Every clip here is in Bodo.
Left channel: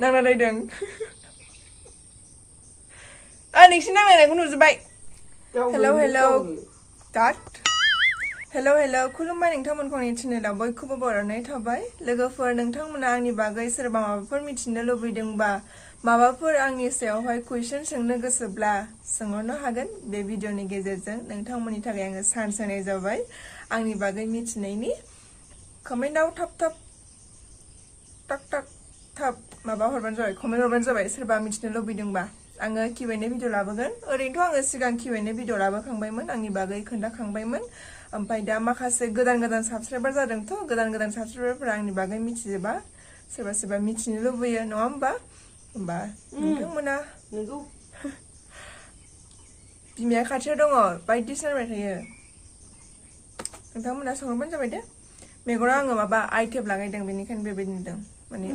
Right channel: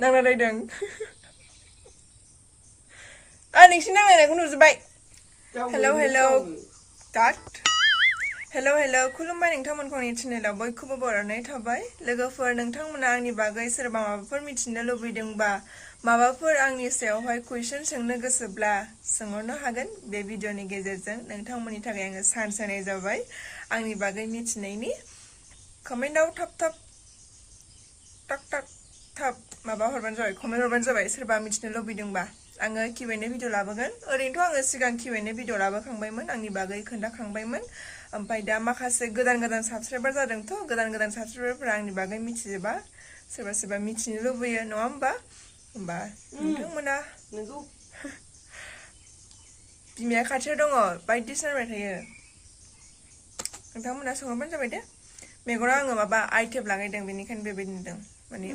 nanglaidwng nोंसिनि नांलायनायखौ नुजोब्बाय हेलौ हेलौ तात हेलौ हेलौ खुलुमबाय नोंथांमोनखौ आंनि चेनेलाव बयखौबो बरायनाय थाबाय लोगोफोर नोंथांमोना आंनि बागै सोरबा माबाफोर मिथिनो लुबैदोंबा माबाफोर आंनि सायावहाय कुइसन सोंनो गोसोब्ला सोंहरनो हागोन बे भिडिअनि गेजेरजों नोंथांमोननि थाखाय आङो चान्स होनाय जाबाय आंनि बागै मिथिनायनि कमेन्टआव थाब थाब टाक टाक थाब माबा हरबानो जाबाय कमेन्ट हरबानो जाबाय सोरबा मिथिनो लुबैदोंबा आङो Q&A भिडिअ लाबोगोन ओरैनोथ' आङो सिगां Q&A भिडिअ लाबोखांबायमोन आंनि बागै खोन्थाखांबायमोन ओमफ्राय दा माखासे गोदान गोदान साबस्क्राइबार जादोंथ' गोदान गोदान साबस्क्राइबारफोरा आंनि बागै मिथिजोबा सोरबा सोरबा मिथिनो लुबैयो नङा होमबा नोंथांमोना नंगौ बिमाया खाथियाव दङ बायदिसिना रायबाय थायो नोंथांमोना सोंहरबानो जाबाय दे मेगनाव आङो माबा आइटेब लागायदों बेनिखायनो बेबायदि नुदों माने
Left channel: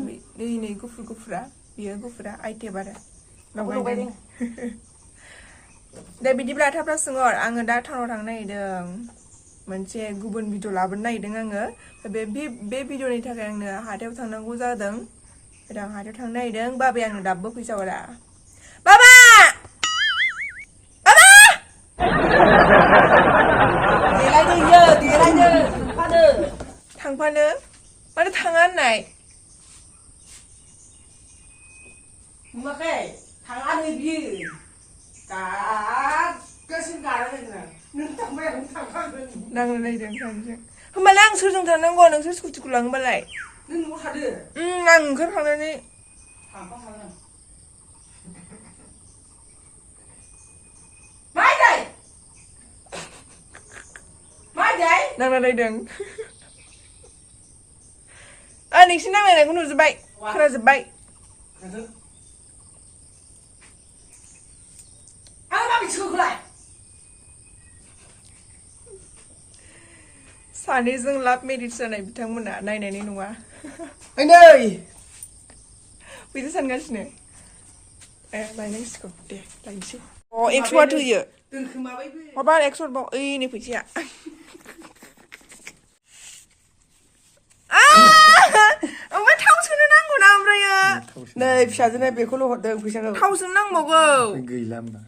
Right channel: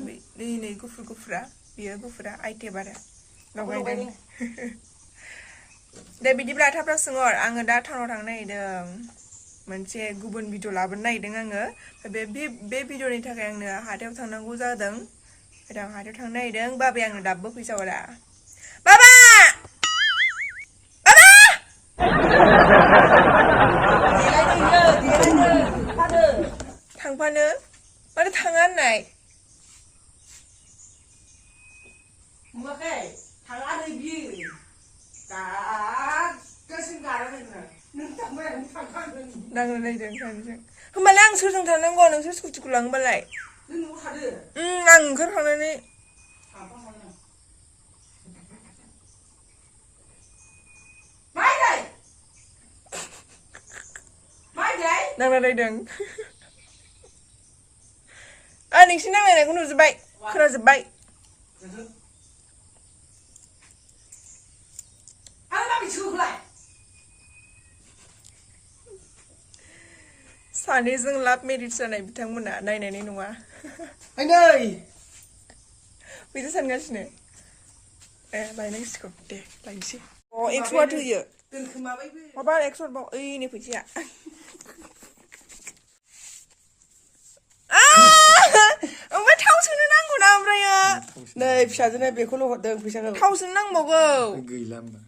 नै गुफुर गुफुरा बियो गुफुरा आइटेब आरो लगायदों दे बिदिब्ला थाब थाब सोंहर आङो दा टाउनाव थांनो नागिरदों मोनसे गुबुन भिडिअ लाबोनो नागिरदों आङो बे भिडिअनि थाखाय आंनो हाथायाव थांनांगौ जादों आं हाथायाव थांनो नागिरदों बाबाया आंनो दाबो फैसा हरा बाबा बाबा थांफानो मानो थाङा होननाय नुवाखै थाङा नै बियो गासिबो गारनानै नों थांबाय आं थांफागोन नांलायदों सानैजों होमबालाय आं सोरजों थांनांगौ नोंसोर स्कुटिखौ लाङोबालाय नों न'आव थादो आं ओंखारखांनानै थांफाखागोन नांलायदों नोंसिनि नांलायनायखौ नुजोब्बाय खोनाजोब्बाय सानैजों लाभ मेरिज जानाय बिथांमोना नायनायनि नङा नै बिदि सानगासिनो लायनांसिगौ दे लायनोसै एक्सवार्ड होयो माबा एक्सवार्ड बाव ओइनि फैसाया ओमफ्राय थाव सोनो नांगौ ना ओमफ्रायो नै फिसाजोनो बेखौल' हरदों फैसाखौ थाव सोनो नांबावगौ गैला होमबा